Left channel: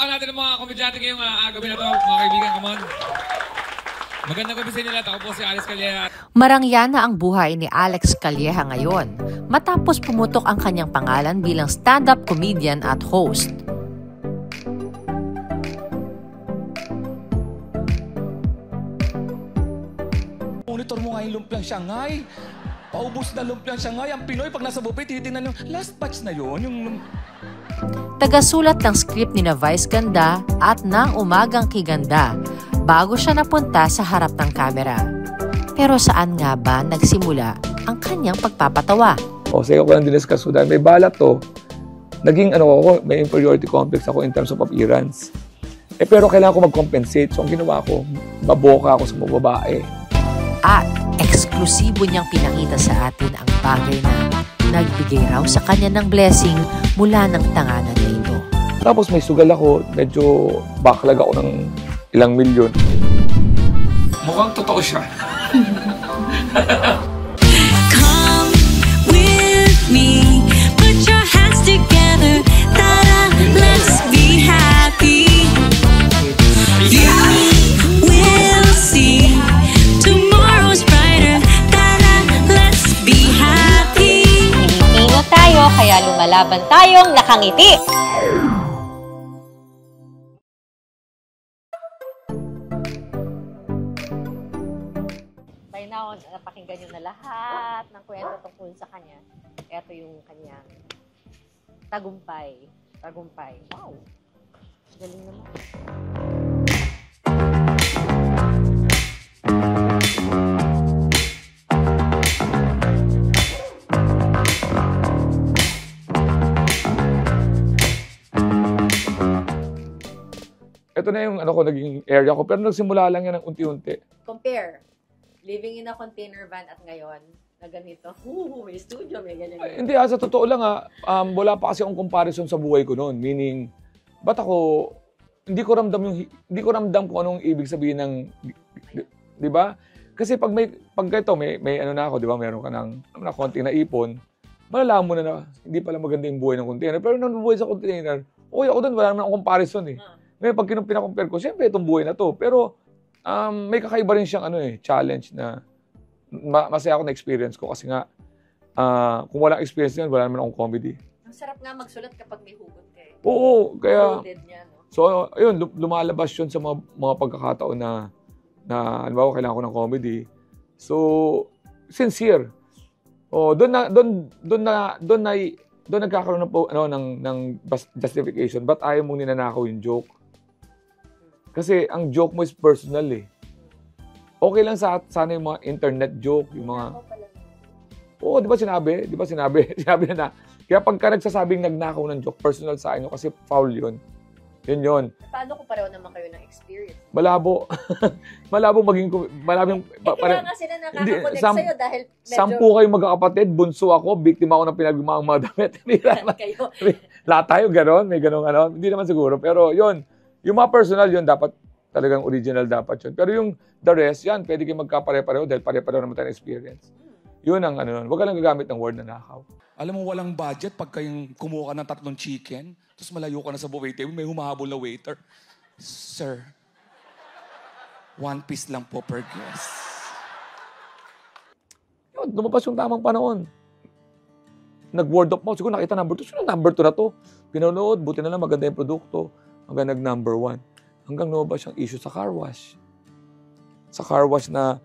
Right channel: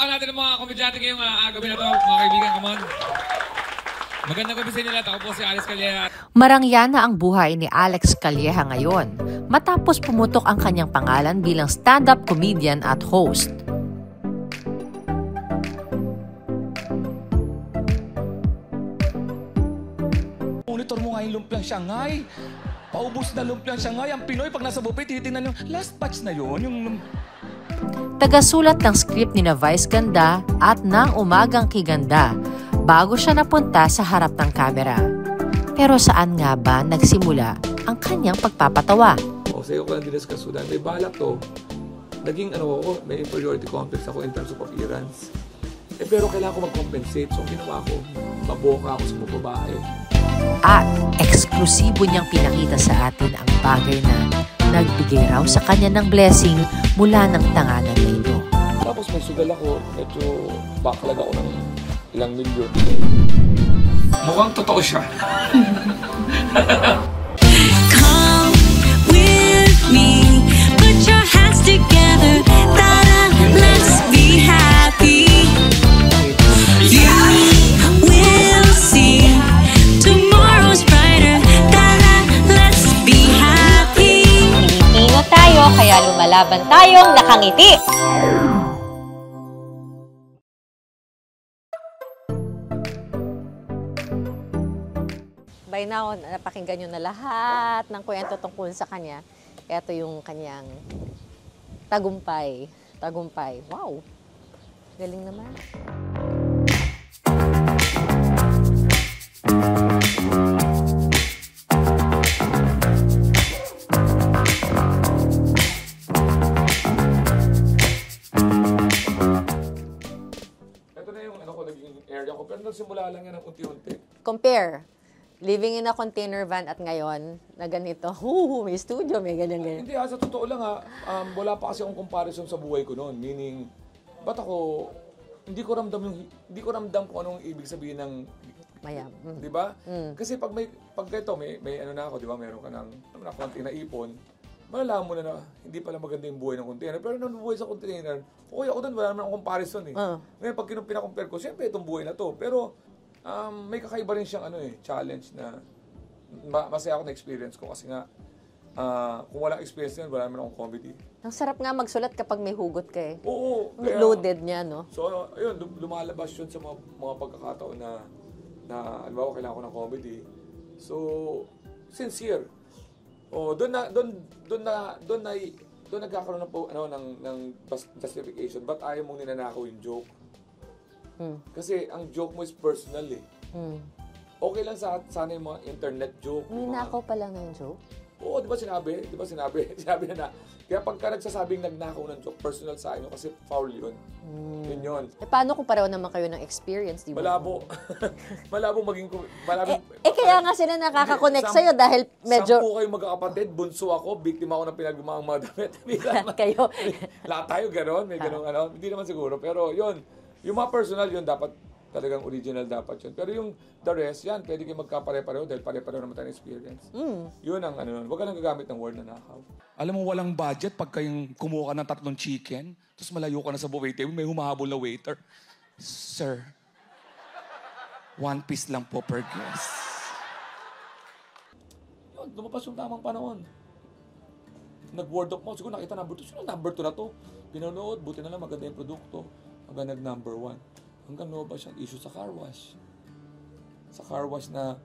Palakpakan natin ang mga komedyante ngayong gabi na to, mga kaibigan, come on. Magandang gabi sa inyo lahat. Ako po si Alex Calleja. Marangya na ang buhay ni Alex Calleja ngayon matapos pumutok ang kanyang pangalan bilang stand-up comedian at host. Monitor mo nga yung lumpiang Shanghai. Paubos na lumpiang Shanghai. Ang Pinoy, pag nasa buffet, titignan yung last batch na yun. Tagasulat ng script ni na Vice Ganda at ng Umagang Kiganda bago siya napunta sa harap ng kamera. Pero saan nga ba nagsimula ang kanyang pagpapatawa? Sige ko lang diniscuss ko dahil may balat to. Naging may inferiority complex ako in terms of appearance. Pero kailangan ko mag-compensate. So ang ginawa ko, baboka ako sa mga babae. At eksklusibo niyang pinakita sa atin ang bagay na nagbigay raw sa kanya ng blessing mula ng tanganan na ito. Tapos may sugal ako, medyo backlog ako ng ilang milyon. Mukhang totoo siya. Come with me, put your hands together, ta-da, let's be happy. You will see tomorrow's brighter, ta-da, let's be happy. Pilipino tayo, kaya lumalaban tayong nakangiti. By now, napakinggan nyo na lahat ng kwento tungkol sa kanya. Ito yung kanyang tagumpay. Tagumpay. Wow! Galing naman. Ito na yung naging area ko. Pero nagsimula lang yan ng unti-unti. Compare. Living in a container van at ngayon, na ganito, may studio, may ganyan. Hindi, sa totoo lang wala pa kasi akong comparison sa buhay ko noon. Meaning, ba't ako, hindi ko ramdam kung anong ibig sabihin ng, di ba? Kasi pag ito, may ano na ako, di ba? Meron ka ng konting naipon, malalaman mo na hindi pala maganda yung buhay ng container. Pero nung buhay sa container, okay ako doon, wala naman akong comparison eh. Ngayon, pag pinakompare ko, siyempre itong buhay na to. Pero, may kakaiba rin siyang challenge na masaya ako na experience ko kasi nga kung walang experience yan, wala naman akong comedy. Ang sarap nga magsulat kapag may hugot ka eh. Oo. Kaya, loaded niya, no? So, ayun, lumalabas yun sa mga pagkakataon na halimbawa, kailangan ko ng comedy. So, sincere. Doon nagkakaroon ng justification. Ba't ayaw mong ninanakaw yung joke? Kasi ang joke mo is personal eh. Okay lang sana yung mga internet joke. Nagnakaw pa lang ng joke? Oo, di ba sinabi? Sinabi na. Kaya pagka nagsasabing nagnakaw ng joke, personal sa inyo kasi foul yun. Yun. Paano kung pareho naman kayo ng experience? Diba? Malabo. Malabo maging... kaya nga sila nakaka-connect sa'yo dahil medyo... 10 kayo magkakapatid, bunso ako, biktima ako ng pinagmamang mga damit. Lahat kayo. Lahat tayo gano'n, may gano'n Hindi naman siguro, pero yun. Yung mga personal yun, dapat talagang original dapat yun. Pero yung the rest, yan, pwede kayo magkapare-pareho dahil pare-pareho naman tayo experience. Yun ang huwag ka lang gagamit ng word na nakaw. Alam mo, walang budget pag kayong kumuha ka ng 3 chicken, tapos malayo ka na sa buffet table, may humahabol na waiter. Sir, 1 piece lang po per guest. Yun, lumabas yung tamang panahon. Nag-word of mouth. Siguro nakita number 2. Sino number 2 na to? Pinanood, buti na lang maganda yung produkto. Hanggang nag-number 1. Hanggang lumabas yung issue sa car wash. Sa car wash na,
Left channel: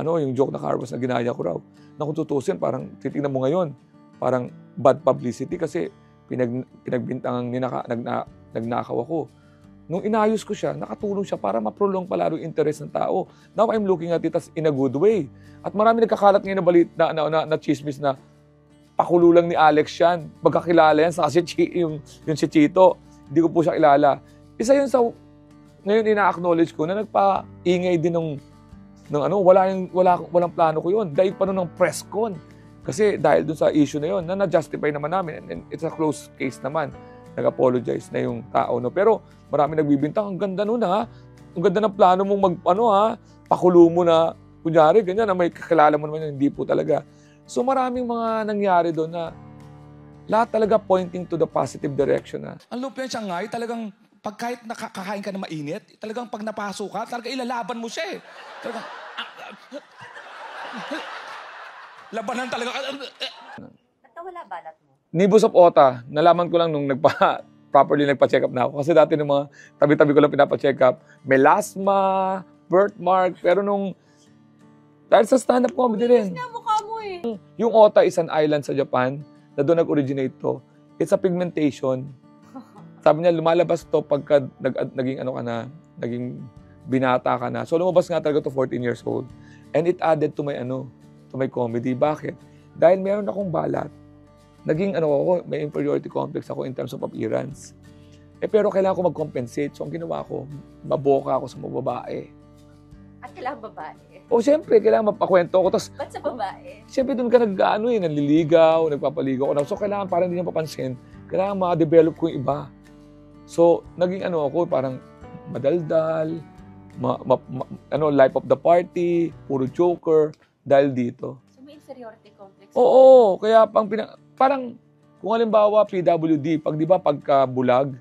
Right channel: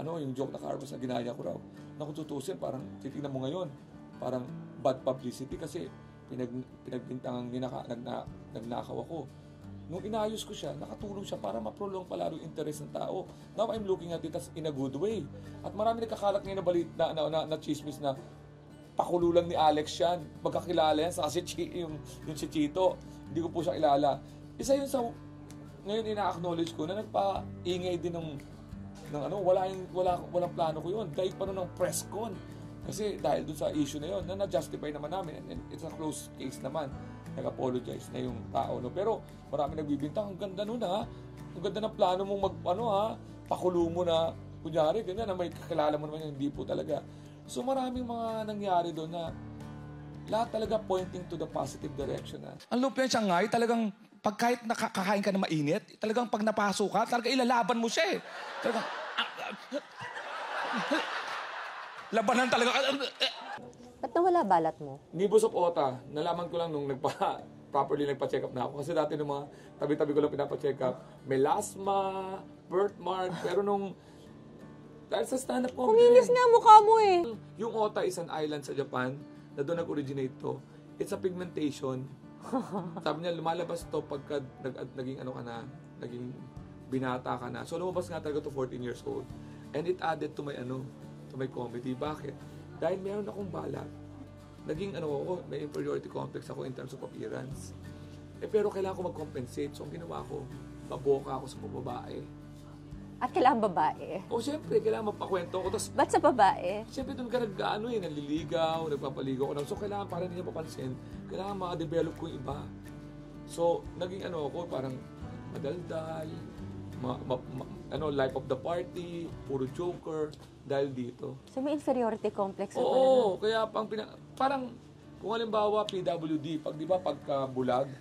yung joke na car wash na ginaya ko raw. Na kung tutusin, parang titignan mo ngayon, parang bad publicity kasi pinagbintangang nagnakaw ako. Nung inayos ko siya, nakatulong siya para ma-prolong palalo yung interest ng tao. Now I'm looking at it as in a good way. At marami nagkakalat ngayon na balit na chismis na pakulo lang ni Alex yan. Pagkakilala yan, kasi yung si Chito. Hindi ko po siya kilala. Isa yun sa, ngayon ina-acknowledge ko na nagpa-ingay din walang plano ko yun. Dahil pa noon ng press con. Kasi dahil dun sa issue na yun, na-justify naman namin. And it's a close case naman. Nag-apologize na yung tao. No? Pero marami nagbibintang, ang ganda nun ha. Ang ganda ng plano mong pakulo mo na, kunyari, ganyan na may kakilala mo naman, hindi po talaga. So maraming mga nangyari doon na lahat talaga pointing to the positive direction. Ang lumpiang Shanghai, talagang pag kahit nakakain ka na mainit, talagang pag napasok ka, talaga ilalaban mo siya eh. Talagang, labanan talaga. Ba't nawala balat mo? Nibus of Ota, nalaman ko lang nung properly nagpa-check up na ako. Kasi dati nung mga tabi-tabi ko lang pinapa-check up, melasma, birthmark, pero dahil sa stand-up comedy rin. Nga mukha mo eh. Yung Ota is an island sa Japan na doon nag-originate to. It's a pigmentation. Sabi niya, lumalabas to pagka naging binata ka na. So lumabas nga talaga to 14 years old. And it added to my comedy. Bakit? Dahil meron akong balat. Naging may inferiority complex ako in terms of appearance. Pero kailangan ko mag-compensate. So ang ginawa ko, maboka ako sa mga babae. At kailangan babae. O siyempre, kailangan mapakwento ako. Tapos, Ba't sa babae? siyempre doon ka nanliligaw, nagpapaligaw ko. So kailangan parang hindi niya papansin, kailangan ma-develop ko yung iba. So naging ako, parang madaldal, life of the party, puro joker, dahil dito. So may inferiority complex. Oo, kaya parang kung halimbawa PWD, pagka bulag,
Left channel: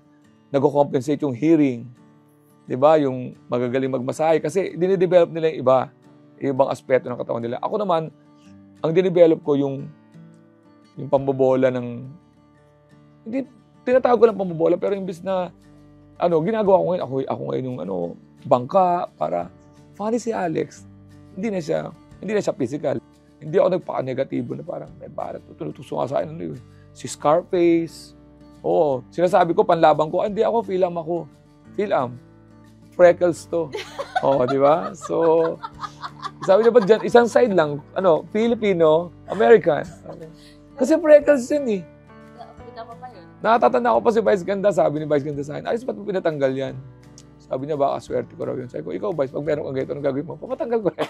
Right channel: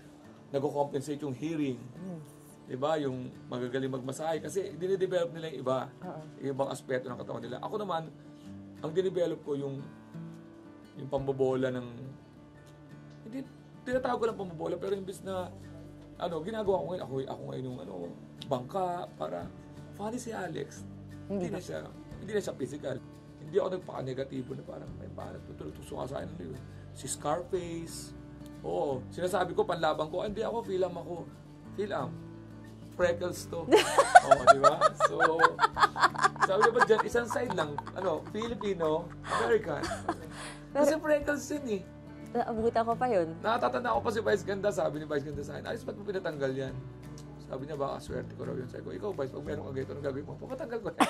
nag-compensate yung hearing. 'Di ba? Yung magagaling magmasahe kasi dinidevelop nila yung iba, yung ibang aspeto ng katawan nila. Ako naman, ang dinevelop ko yung pambobola ng hindi tinatawag ko lang pambobola pero imbis na ginagawa ko ngayon, ako ngayon yung bangka para funny si Alex. Hindi na siya physical. Hindi ako nagpaka-negatibo na parang may barat tutuso nga sa akin si Scarface. Oo, sinasabi ko panlaban ko, hindi ako Philam ako. Philam. Freckles to. Oh, di ba? So, sabi niya ba dyan, isang side lang, Filipino, American. Kasi freckles yun eh. Naabutan ko pa yun. Nakatatanda ko pa si Vice Ganda, sabi ni Vice Ganda sa akin, ayos ba't mo pinatanggal yan? Sabi niya, baka swerte ko raw yun. Sabi ko, ikaw Vice, pag meron kang ganito, anong gagawin mo? Papatanggal ko yan.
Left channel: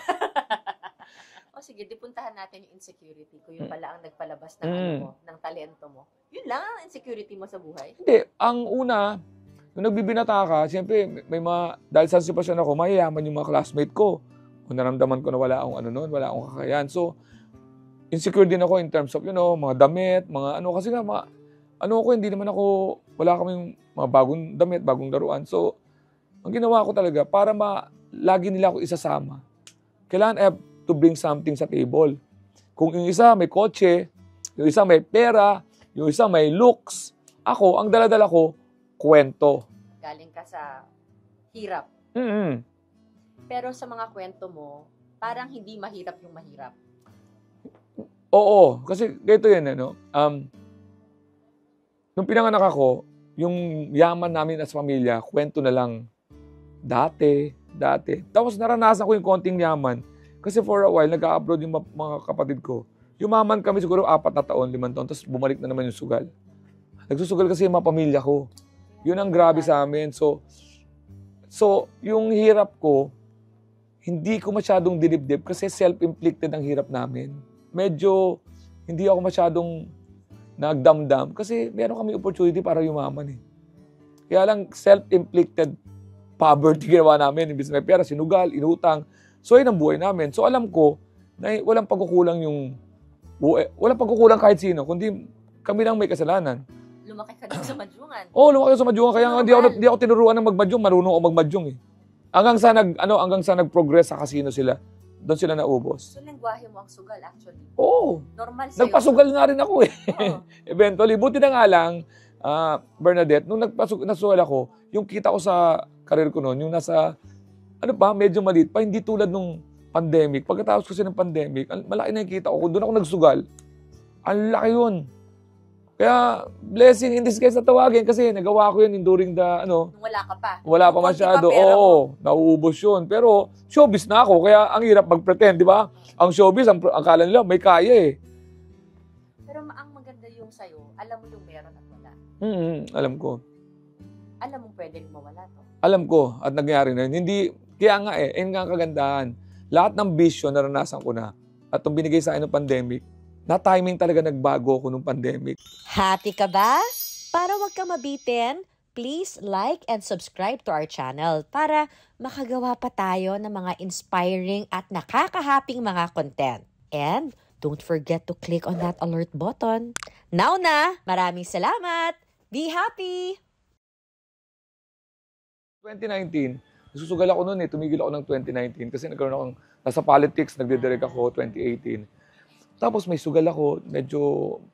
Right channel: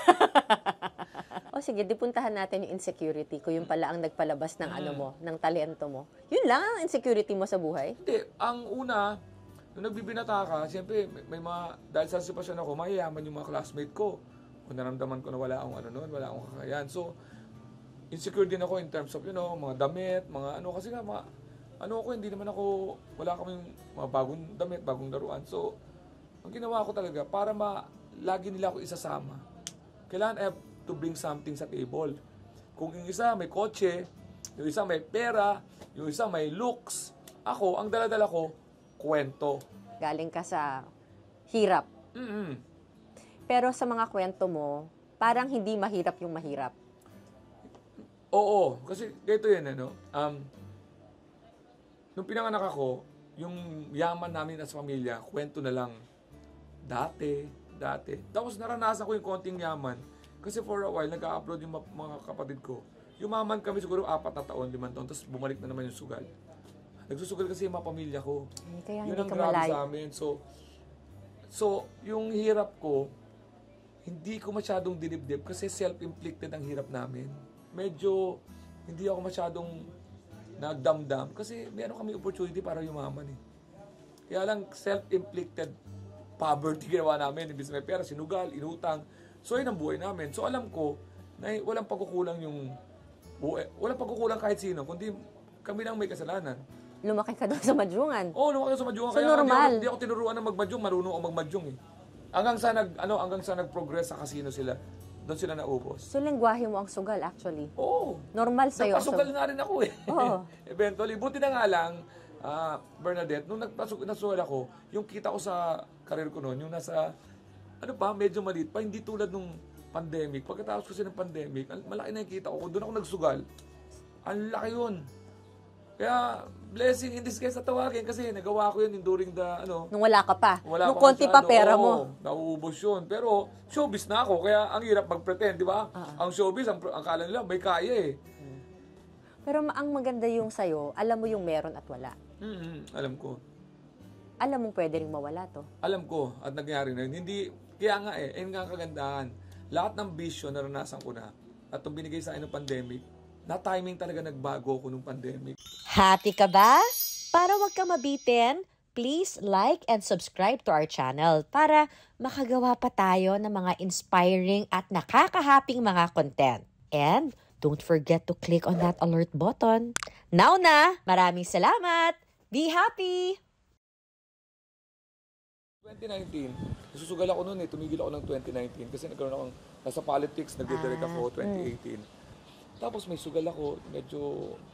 Sige, dipuntahan natin yung insecurity ko. Yung pala ang nagpalabas ng ng talento mo. Yun lang ang insecurity mo sa buhay? Hindi. Ang una, nung nagbibinata ka, siyempre, dahil sa sitwasyon ako, mayayaman yung mga classmate ko. Kung naramdaman ko na wala akong kakayahan. So, insecure din ako in terms of, mga damit, kasi nga, wala kaming mga bagong damit, bagong laruan. So, ang ginawa ko talaga, para lagi nila ako isasama. Kailangan I have to bring something sa table. Kung yung isa may kotse, yung isa may pera, yung isa may looks, ang dala-dala ko, kwento. Galing ka sa hirap. Pero sa mga kwento mo, parang hindi mahirap yung mahirap. Oo, kasi ganito yan, nung pinanganak ako, yung yaman namin as pamilya, kwento na lang. Dati. Tapos naranasan ko yung konting yaman. Kasi for a while, nag-a-abroad yung mga kapatid ko. Yumaman kami siguro 4 na taon, 5 taon, tapos bumalik na naman yung sugal. Nagsusugal kasi yung mga pamilya ko. Yun ang grabe sa amin. So yung hirap ko, hindi ko masyadong dinibdib kasi self-inflicted ang hirap namin. Medyo hindi ako masyadong nagdamdam kasi meron kami opportunity para yumaman eh. Kaya lang self-inflicted poverty ginawa namin. Imbis may pera, sinugal, inutang. So yun ang buhay namin. So alam ko na walang pagkukulang walang pagkukulang kahit sino, kundi kami lang may kasalanan. Lumaki ka doon sa Madyungan. Oo, lumaki sa Madyungan. Kaya hindi ako tinuruan ng magmadyong. Marunong ako magmadyong eh. Hanggang sa nag-progress sa casino sila. Doon sila naubos. So, lengguwahe mo ang sugal actually? Oo. Normal sa'yo. Nagpasugal nga rin ako eh. Oo. Eventually. Buti na nga lang, Bernadette, nung nasugal ako, yung kita ko sa karir ko noon, yung nasa, medyo maliit pa, hindi tulad nung pandemic. Pagkatapos kasi ng pandemic, malaki na yung kita ko. Doon ako nagsugal. Ang laki yun. Kaya, blessing in disguise na tawagin kasi nagawa ko yun during the, Nung wala ka pa. Wala pa masyado. Oo, nauubos yun. Pero, showbiz na ako. Kaya, ang hirap mag-pretend, di ba? Ang showbiz, ang akala nila, may kaya eh. Pero ang maganda yung sa'yo, alam mo yung meron at wala. Alam ko. Alam mo pwede rin mawala to. Alam ko. At nangyari na yun. Hindi, kaya nga yun nga ang kagandahan. Lahat ng bisyo naranasan ko na. At itong binigay sa akin ng pandemic, na timing talaga nagbago ako nung pandemic. Happy ka ba? Para wag ka mabitin, please like and subscribe to our channel para makagawa pa tayo ng mga inspiring at nakakahaping mga content. And don't forget to click on that alert button. Now na! Maraming salamat! Be happy! 2019, susugal ako noon tumigil ako ng 2019 kasi nagkaroon akong, nasa politics, nagdidirect ako 2018. Tapos may sugal ako, medyo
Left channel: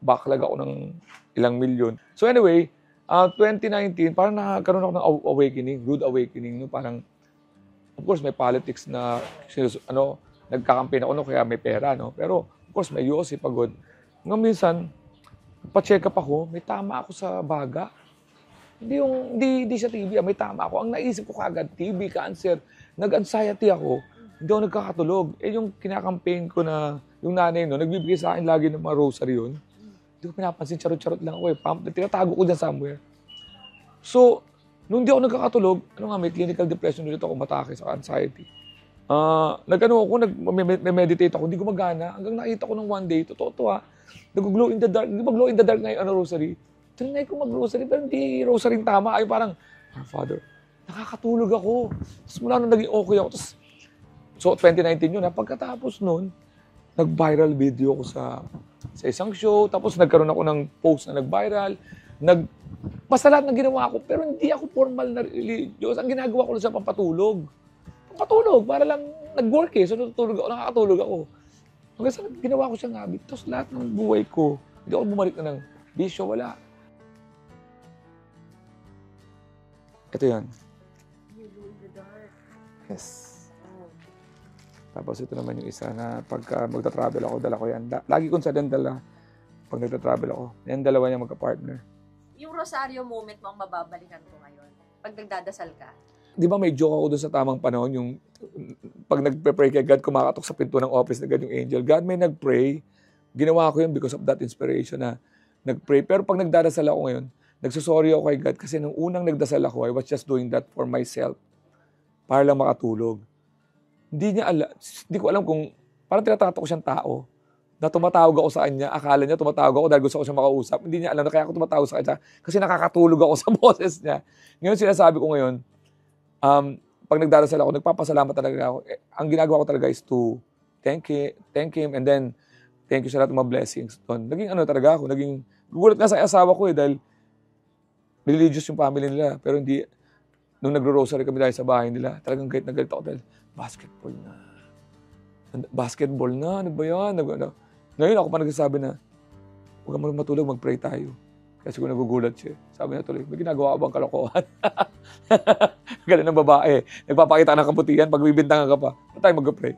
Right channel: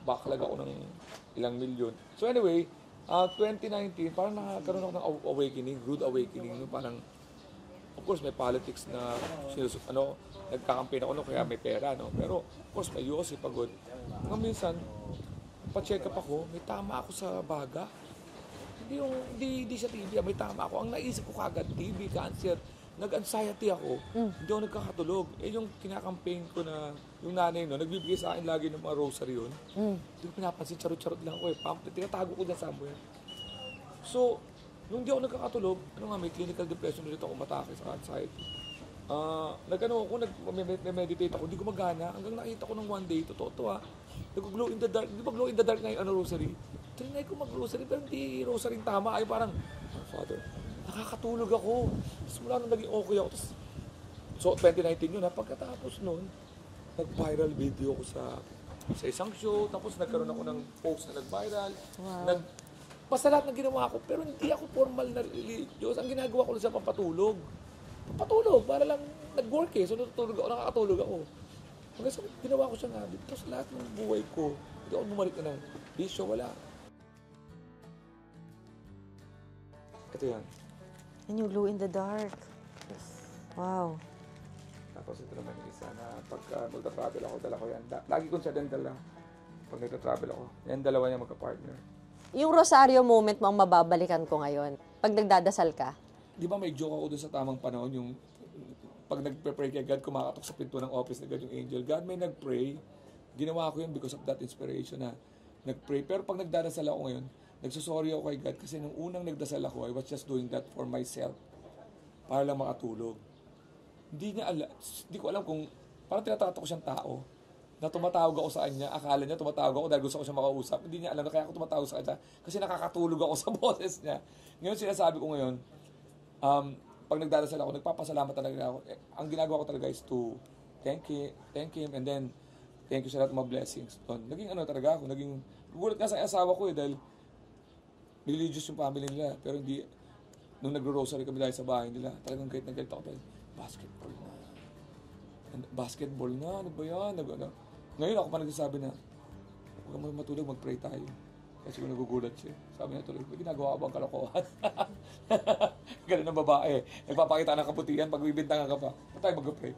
backlog ako ng ilang milyon. So anyway, 2019, parang nagkaroon ako ng awakening, rude awakening. No? Parang, of course, may politics na, nagkakampaign ako, no? Kaya may pera. No? Pero, of course, may UOC, pagod. Ngayon minsan, pa-check up ako, may tama ako sa baga. Hindi sa TV, may tama ako. Ang naisip ko kagad, TB, cancer, nag-anxiety ako, hindi ako nagkakatulog. Yung kinakampaign ko na, yung nanay no, nagbibigay sa akin lagi ng mga rosary yun. Hindi ko pinapansin, charot-charot lang ako tinatago ko dyan somewhere. So, nung hindi ako nagkakatulog, may clinical depression ulit ako, matake sa anxiety. Nag-meditate ako, hindi gumagana. Hanggang nakita ko ng one day, totoo nag-glow in the dark. Hindi ba glow in the dark na yung rosary? Tinay ko mag-rosary, pero hindi rosary tama. Ay parang, Father, nakakatulog ako. Tapos mula nung naging okay ako. So 2019 yun. Pagkatapos nun, nag-viral video ko sa isang show. Tapos nagkaroon ako ng post na nag-viral. Basta lahat ng ginawa ko. Pero hindi ako formal na religious. Ang ginagawa ko lang sa pampatulog. Pampatulog. Para lang nag-work So nakakatulog ako. Kasi ginawa ko siyang habit. Tapos lahat ng buhay ko, hindi ako bumalik na ng bisyo. Wala. Ito yan. And you glow in the dark. Yes. Wow. Tapos ito naman yung isa na pagka magta-travel ako, dala ko yan. Lagi kong sa dala pag nagta-travel ako. Yan dalawa niya magka-partner. Yung rosaryo moment mo ang mababalikan ko ngayon. Pag nagdadasal ka. Di ba may joke ako doon sa tamang panahon, yung pag nagpe-pray kay God, kumakatok sa pinto ng office na God yung angel. God may nag-pray. Ginawa ko yun because of that inspiration na nag-pray. Pero pag nagdadasal ako ngayon, nagsasorry ako kay God kasi nung unang nagdasal ako, I was just doing that for myself para lang makatulog. Hindi ko alam kung, parang tinatrato ko siyang tao na tumatawag ako sa kanya. Akala niya tumatawag ako dahil gusto ko siya makausap. Hindi niya alam na kaya ako tumatawag sa kanya kasi nakakatulog ako sa boses niya. Ngayon sinasabi ko ngayon, pag nagdarasal ako, nagpapasalamat talaga ako. Ang ginagawa ko talaga is to thank him, and then thank you sa lahat ng mga blessings. Naging talaga ako, gugulat nga sa asawa ko dahil religious yung family nila, pero hindi, nung nagro-rosary kami dahil sa bahay nila, talagang galit na galit ako dahil basketball na, ano ba yan? Ngayon ako pa nagsasabi na, huwag ka matulog, mag-pray tayo. Kasi kung nagugulat siya, sabi na tuloy, may ginagawa ka bang kalokohan? Ganun ng babae. Nagpapakita ka ng kabutihan, pag bibintangan ka pa, ba't tayo mag-pray?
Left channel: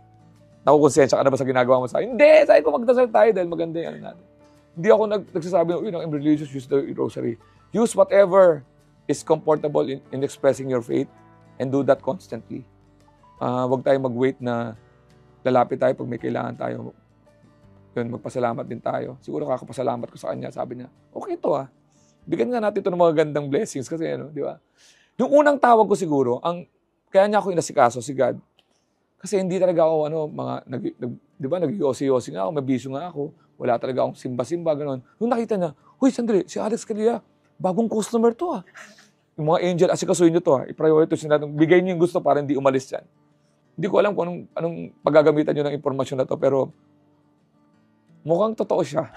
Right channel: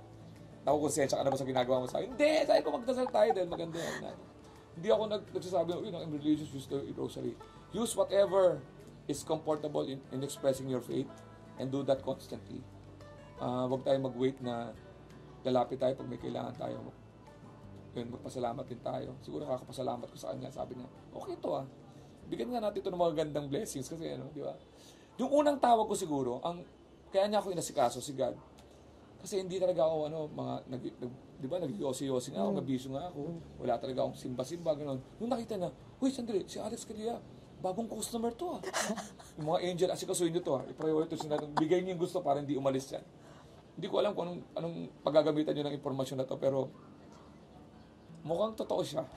Nakukonsensya ka na ba sa ginagawa mo sa akin? Hindi! Sabi ko magdasal tayo dahil maganda yan natin. Hindi ako nagsasabi na, I'm religious, use the rosary. Use whatever is comfortable in expressing your faith and do that constantly. Huwag tayo mag-wait na lalapit tayo pag may kailangan tayo. Yun, magpasalamat din tayo. Siguro kakapasalamat ko sa kanya. Sabi niya, okay ito bigyan nga natin ito ng mga gandang blessings kasi di ba? Yung unang tawag ko siguro, kaya niya ako inasikaso si God. Kasi hindi talaga ako, di ba, nag-yosi-yosi nga ako, may bisyo nga ako, wala talaga akong simba-simba, gano'n. Nung nakita niya, huy, sandali, si Alex Calilla, bagong customer to Yung mga angel, asikasuhin niyo to i-prioritize niyo natin, bigay niyo yung gusto para hindi umalis yan. Hindi ko alam kung anong paggagamitan niyo ng impormasyon na to, pero mukhang totoo siya.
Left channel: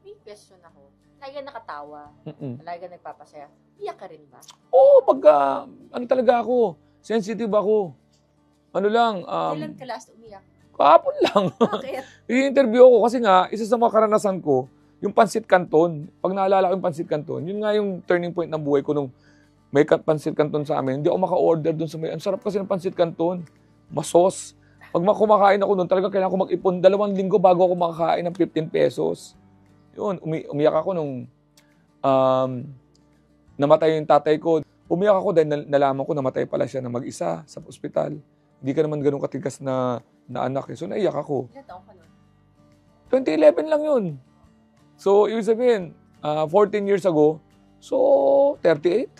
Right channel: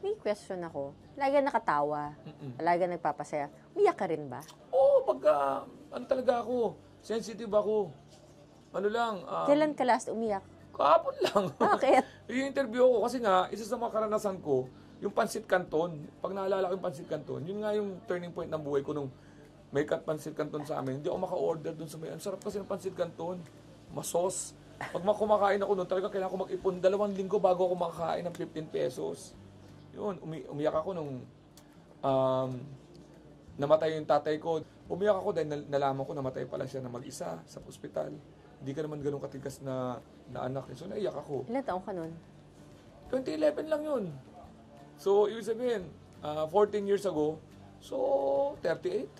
May question ako. Lagi nakatawa. Lagi nagpapasaya. Umiyak ka rin ba? Oo, pagka, talaga ako. Sensitive ako. Kailan ka last umiyak? Kahapon lang. Bakit? I-interview ako kasi nga, isa sa mga karanasan ko, yung Pansit Canton. Pag naalala ko yung Pansit Canton, yun nga yung turning point ng buhay ko nung may Pansit Canton sa amin. Hindi ako maka-order dun sa may. Ang sarap kasi ng Pansit Canton. Masos. Pag kumakain ako doon, talagang kailangan ko mag-ipon 2 linggo bago ako makakain ng 15 pesos. Yun, umiyak ako nung namatay yung tatay ko. Umiyak ako dahil nalaman ko namatay pala siya na mag-isa sa ospital. Hindi ka naman ganun katigas na anak. So naiyak ako. Ilan taong ka nun? 2011 lang yun. So, ibig sabihin, 14 years ago, so 38?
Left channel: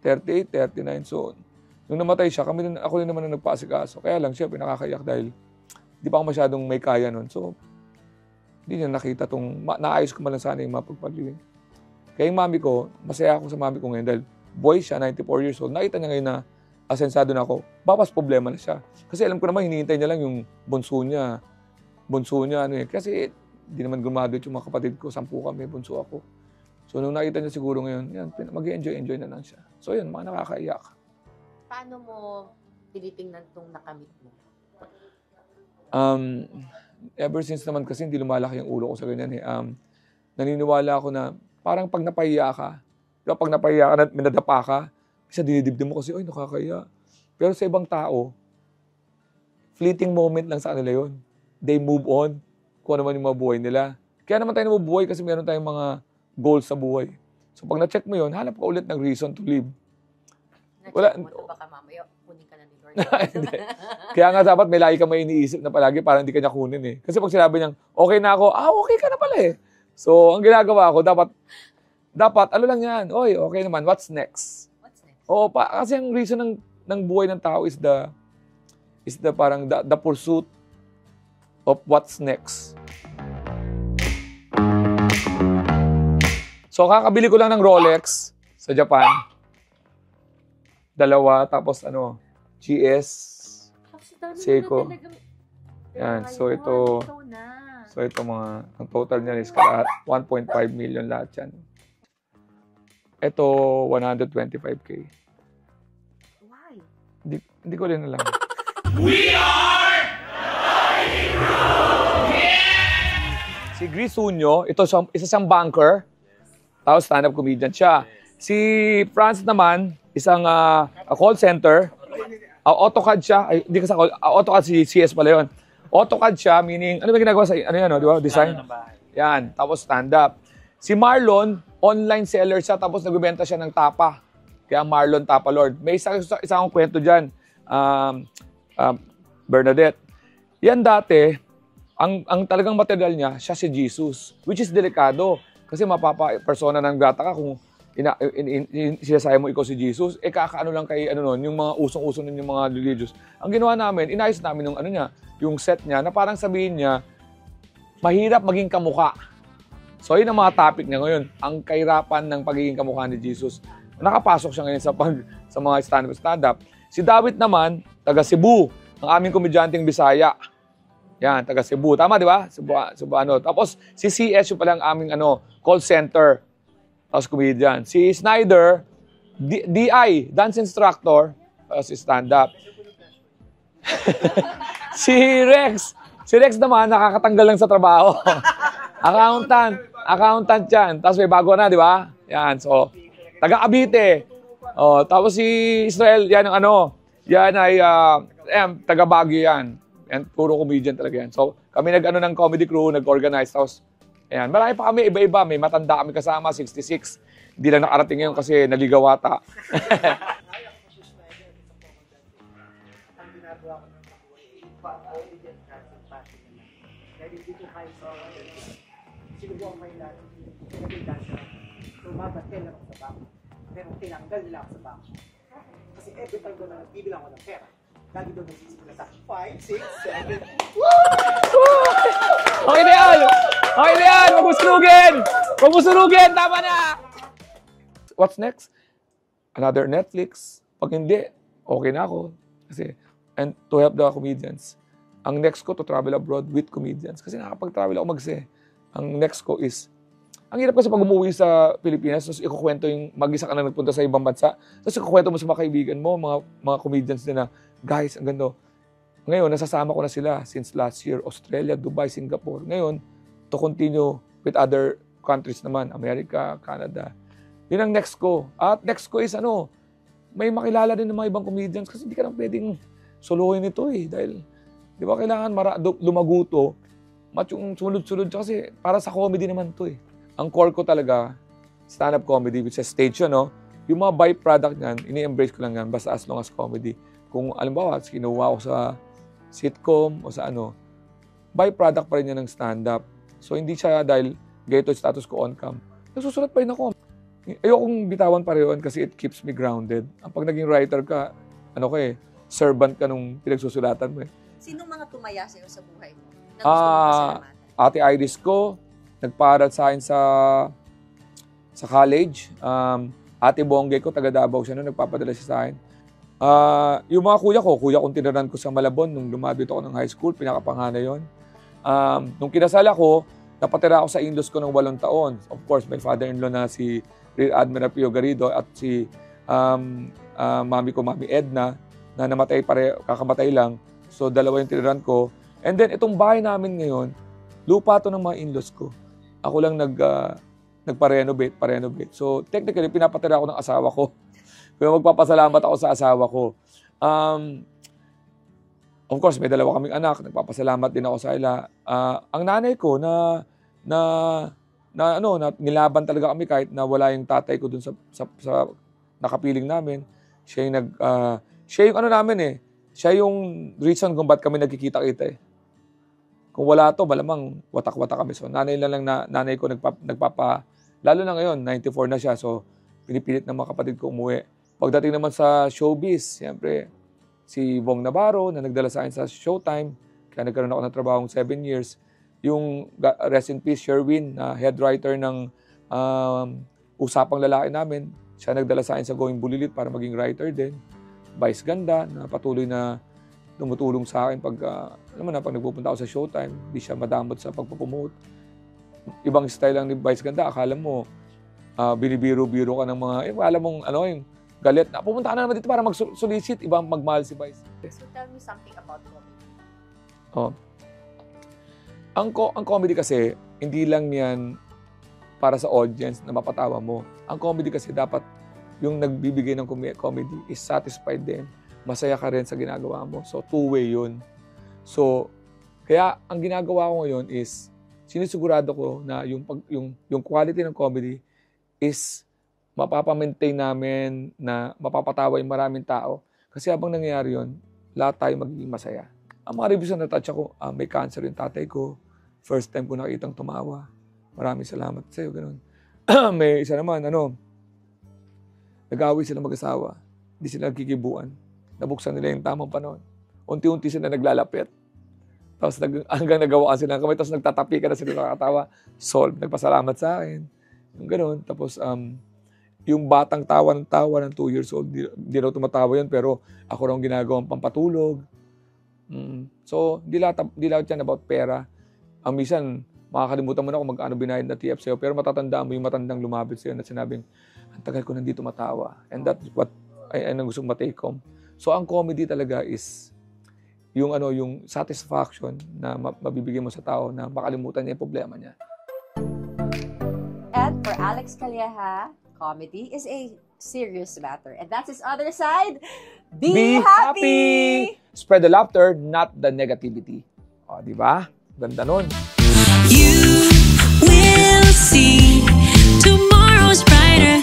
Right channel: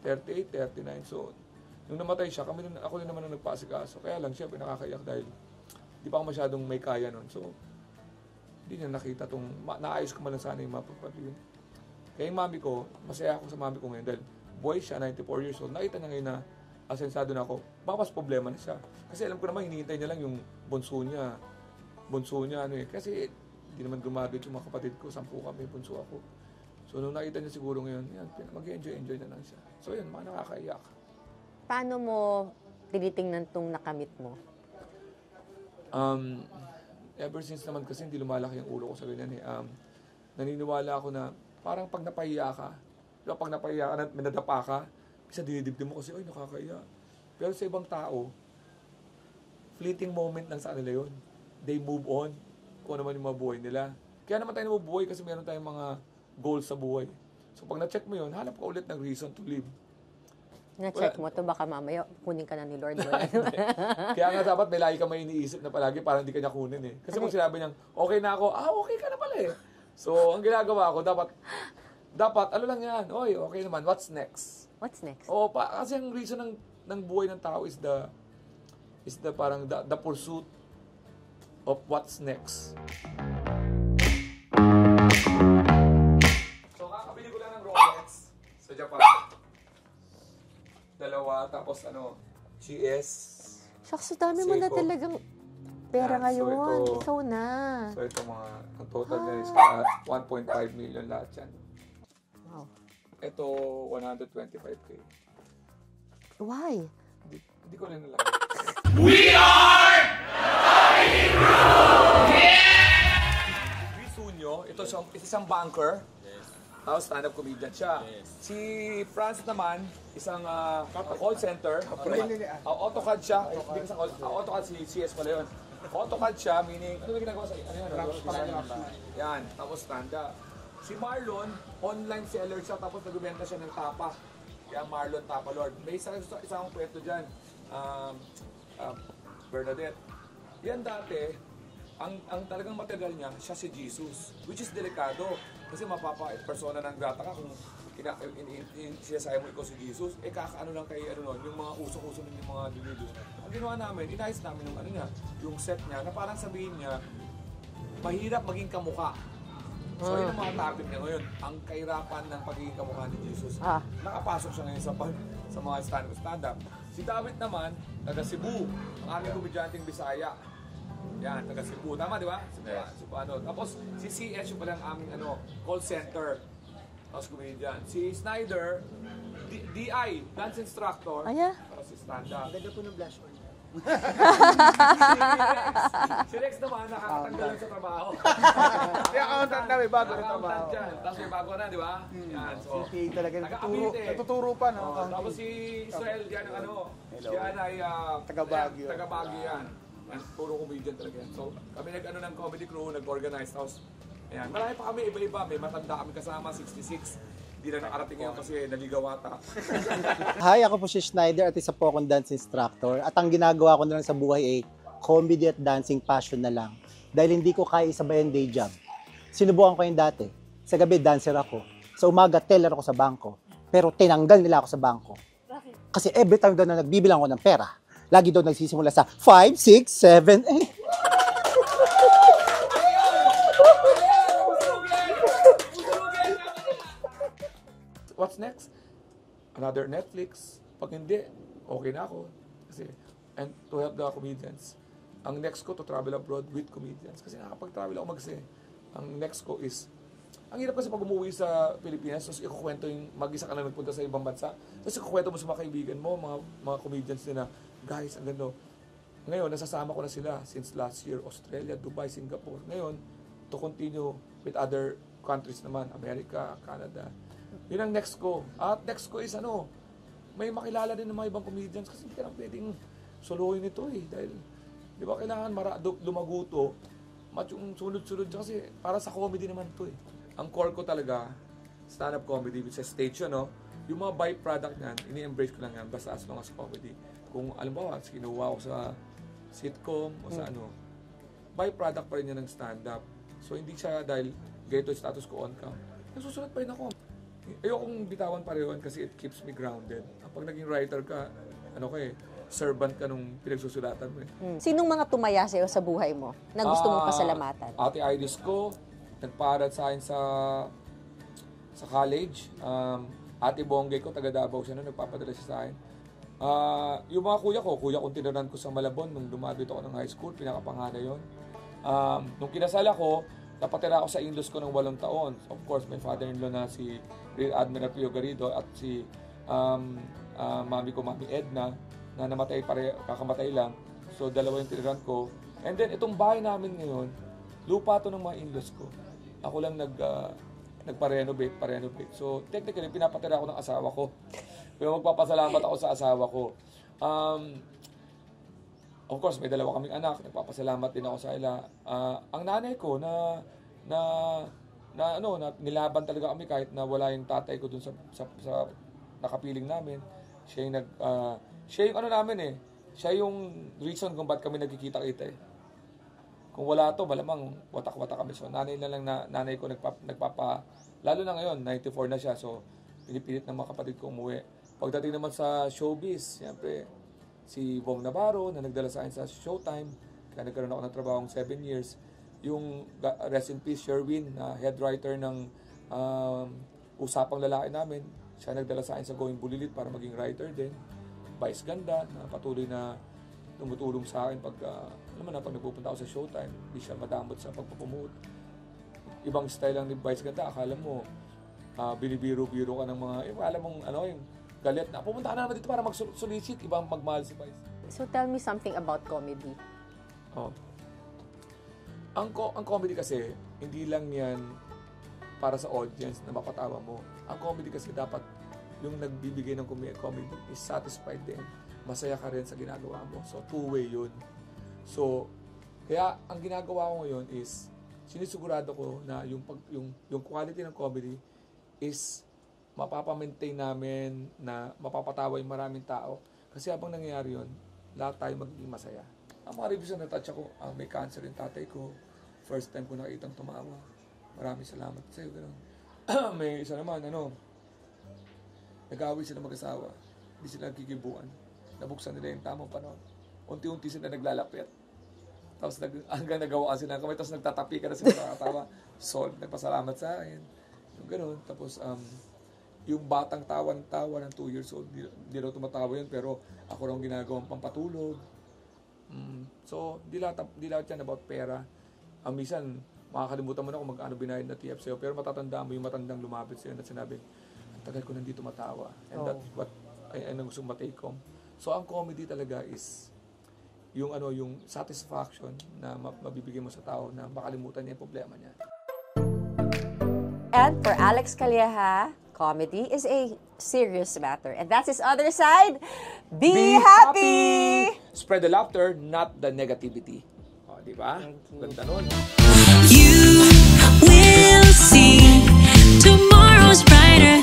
38, 39. So, nung namatay siya, ako rin naman ang nagpaasikaso. Kaya lang, syempre, nakakaiyak dahil di pa ako masyadong may kaya nun. So, hindi niya nakita naayos ko man lang sana yung mapagpagliging. Kaya yung mami ko, masaya ako sa mami ko ngayon dahil boy siya, 94 years old. Nakita niya ngayon na asensado na ako. Bapas problema na siya. Kasi alam ko naman, hinihintay niya lang yung bunso niya. Kasi di naman graduate yung mga kapatid ko. 10 kami, bunso ako. So So, nung nakita niya siguro ngayon, yan, mag-enjoy na lang siya. So, yun, mga nakakaiyak. Paano mo tinitingnan tong nakamit mo? Ever since naman kasi hindi lumalaki yung ulo ko sa ganyan eh. Naniniwala ako na parang pag napahiya ka, diba, pag napahiya ka, minadapa ka, isa dinidibdib mo kasi, ay, nakakahiya. Pero sa ibang tao, fleeting moment lang sa kanila yun. They move on kung ano man yung mga buhay nila. Kaya naman tayo nabubuhay kasi meron tayong mga goals sa buhay. So pag na-check mo yun, hanap ka ulit ng reason to live. Na-check mo to, baka mamaya kunin ka na ni Lord. Hindi. Kaya nga dapat may lagi ka may iniisip na palagi para hindi ka niya kunin eh. Kasi pag sinabi niyang, okay na ako, okay ka na pala eh. So, ang ginagawa ko, dapat, ano lang yan, oy, okay naman, what's next? What's next? Oo, kasi ang reason ng buhay ng tao is the parang the pursuit of what's next. So, kakabili ko lang ng Rolex sa Japan. 2, tapos GS. Shucks, dami mo na Seiko. talagang pera Yan, ngayon. so ito, Ikaw na. So, ito ang total niya is 1.5 million lahat yan. Wow. Ito, 125K. Why? Hindi ko rin alam. Si Grisunyo, isa siyang banker. Tapos stand-up comedian siya. Si Franz naman, isang call center. AutoCAD siya. Ay, hindi kasi AutoCAD si CS pala yun. AutoCAD siya, meaning, ano ba ginagawa sa, di ba? Design? Yan. Tapos stand-up. Si Marlon, online seller siya, tapos nagbebenta siya ng tapa. Kaya Marlon Tapa Lord. May isang kwento dyan. Bernadette. Yan dati, ang talagang material niya, siya si Jesus. Which is delikado. Kasi persona ng gata ka kung sinasaya mo ikaw si Jesus, kakaano lang kay yung mga usong-uso nun yung mga religious. Ang ginawa namin, inayos namin yung set niya, na parang sabihin niya, mahirap maging kamukha. So, yun ang mga topic niya ngayon. Ang kahirapan ng pagiging kamukha ni Jesus. Nakapasok siya ngayon sa mga stand-up. Si David naman, taga Cebu, ang aming komedyanteng Bisaya. Yan, taga Cebu. Tama, di ba? Cebu. Tapos, si CS, yung palang aming call center. Tapos comedian. Si Snyder, DI, dance instructor. Si stand-up. Si Rex naman, nakakatanggal lang sa trabaho. Accountant yan. Tapos may bago na, di ba? Yan, so, taga Cavite. Tapos si Israel, yan ang yan ay, taga Baguio yan. Yan, puro comedian talaga yan. So, kami ng comedy crew, nag-organize. Tapos, ayan, marami pa kami, iba-iba. May matanda kami kasama, 66. Hindi lang nakarating ngayon kasi naligaw ata. Hi, ako po si Schneider at isa po akong dance instructor. At ang ginagawa ko na lang sa buhay ay comedy at dancing passion na lang. Dahil hindi ko kaya isabay ang day job. Sinubukan ko yung dati. Sa gabi, dancer ako. Sa umaga, teller ako sa bangko. Pero tinanggal nila ako sa bangko. Kasi every time daw na nagbibilang ako ng pera, lagi daw nagsisimula sa 5, 6, 7, 8. Okay na yan! Okay na yan! Huwag mo sunugin! Huwag mo sunugin! Tama na! What's next? Another Netflix. Pag hindi, okay na ako. Kasi, and to help the comedians. Ang next ko, to travel abroad with comedians. Kasi nakapag-travel ako Ang next ko is, ang hirap kasi pag umuwi sa Pilipinas, tapos ikukwento yung mag-isa ka na nagpunta sa ibang bansa, tapos ikukwento mo sa mga kaibigan mo, mga comedians din na, guys, ang ganda. Ngayon, nasasama ko na sila since last year, Australia, Dubai, Singapore. Ngayon, to continue with other countries naman, America, Canada. Yun ang next ko. At next ko is may makilala din ng mga ibang comedians kasi hindi ka lang pwedeng solohin ito eh. Dahil, di ba kailangan lumaguto, yung sunod-sunod kasi para sa comedy naman ito eh. Ang core ko talaga, stand-up comedy, which is stage yun, yung mga byproduct niyan, ini-embrace ko lang yan basta as long as comedy. Kung alimbawa, kinuha ko sa sitcom o sa byproduct pa rin yan ng stand-up. So, hindi siya dahil ganito yung status ko on-cam. Nasusulat pa rin ako. Ayokong bitawan pareho kasi it keeps me grounded. Pag naging writer ka, servant ka nung pinagsusulatan mo eh. Sinong mga tumaya sa'yo sa buhay mo na gusto mong pasalamatan? Ate Iris ko, nagparal sa akin sa college. Ate Bonggay ko, taga Davao siya nagpapadala siya sa akin. Yung mga kuya kong tinaran ko sa Malabon nung lumabi ako ng high school, pinakapanganay yon. Nung kinasal ako, napatira ako sa in-laws ko ng 8 taon. Of course, my father-in-law na si Rear Admiral Pio Garrido at si mami ko, Mami Edna, na namatay kakamatay lang. So, dalawa yung tiniran ko. And then, itong bahay namin ngayon, lupa to ng mga in-laws ko. Ako lang nagpa-renovate. So, technically, pinapatira ako ng asawa ko. Pero magpapasalamat ako sa asawa ko. Of course, may dalawa kaming anak. Nagpapasalamat din ako sa ila. Ang nanay ko na nilaban talaga kami kahit na wala yung tatay ko dun sa nakapiling namin. Siya yung ano namin eh. Siya yung reason kung ba't kami nagkikita-kita eh. Kung wala to, malamang watak-watak kami. So, nanay ko lalo na ngayon, 94 na siya. So, pinipilit ng mga kapatid ko umuwi. Pagdating naman sa showbiz, siyempre, si Bong Navarro na nagdala sa akin sa Showtime, kaya nagkaroon ako ng trabahong 7 years. Yung rest in peace, Sherwin, na head writer ng Usapang Lalaki namin, siya nagdala sa akin sa Going Bulilit para maging writer din. Vice Ganda, na patuloy na tumutulong sa akin pag nagpupunta ako sa Showtime, hindi siya madamot sa pagpapromote. Ibang style lang ni Vice Ganda, akala mo, binibiro-biro ka ng mga, alam mong, yung galit na, pupunta ka na naman dito para mag-solicit, ibang magmahal si Vice. So tell me something about comedy. Ang comedy kasi, hindi lang yan para sa audience na mapatawa mo. Ang comedy kasi dapat yung nagbibigay ng comedy is satisfied din. Masaya ka rin sa ginagawa mo. So, two-way yun. So, kaya ang ginagawa ko ngayon is, sinisigurado ko na yung quality ng comedy is mapapamaintain namin na mapapatawa yung maraming tao. Kasi habang nangyayari yun, lahat tayo magiging masaya. Ang mga reviews na natouch ako, may cancer yung tatay ko. First time ko nakitang tumawa. Maraming salamat sa'yo, ganun. May isa naman, nag-away sila mag-asawa. Hindi sila nagkikibuan. Nabuksan nila yung tamang panahon. Unti-unti sila naglalapit. Tapos hanggang nagawaan sila ng kamay. Tapos nagtatapi ka na sila nakakatawa. Solve. Nagpasalamat sa akin. Yung ganun. Tapos yung batang tawa ng 2 years old, di raw tumatawa yun. Pero ako raw ginagawang pampatulog. So, di lahat yan about pera. Ang minsan, makakalimutan mo na kung magkano binayad na TF sa'yo. Pero matatandaan mo yung matandang lumapit sa'yo na sinabing, ang tagal ko nandito matawa. And that's what ay gusto mong ma-take home. So, ang comedy talaga is yung satisfaction na mabibigay mo sa tao na makalimutan niya yung problema niya. And for Alex Calleja, comedy is a serious matter. And that's his other side. Be happy! Spread the laughter, not the negativity. O, di ba? Ganda nun. You will see tomorrow's brighter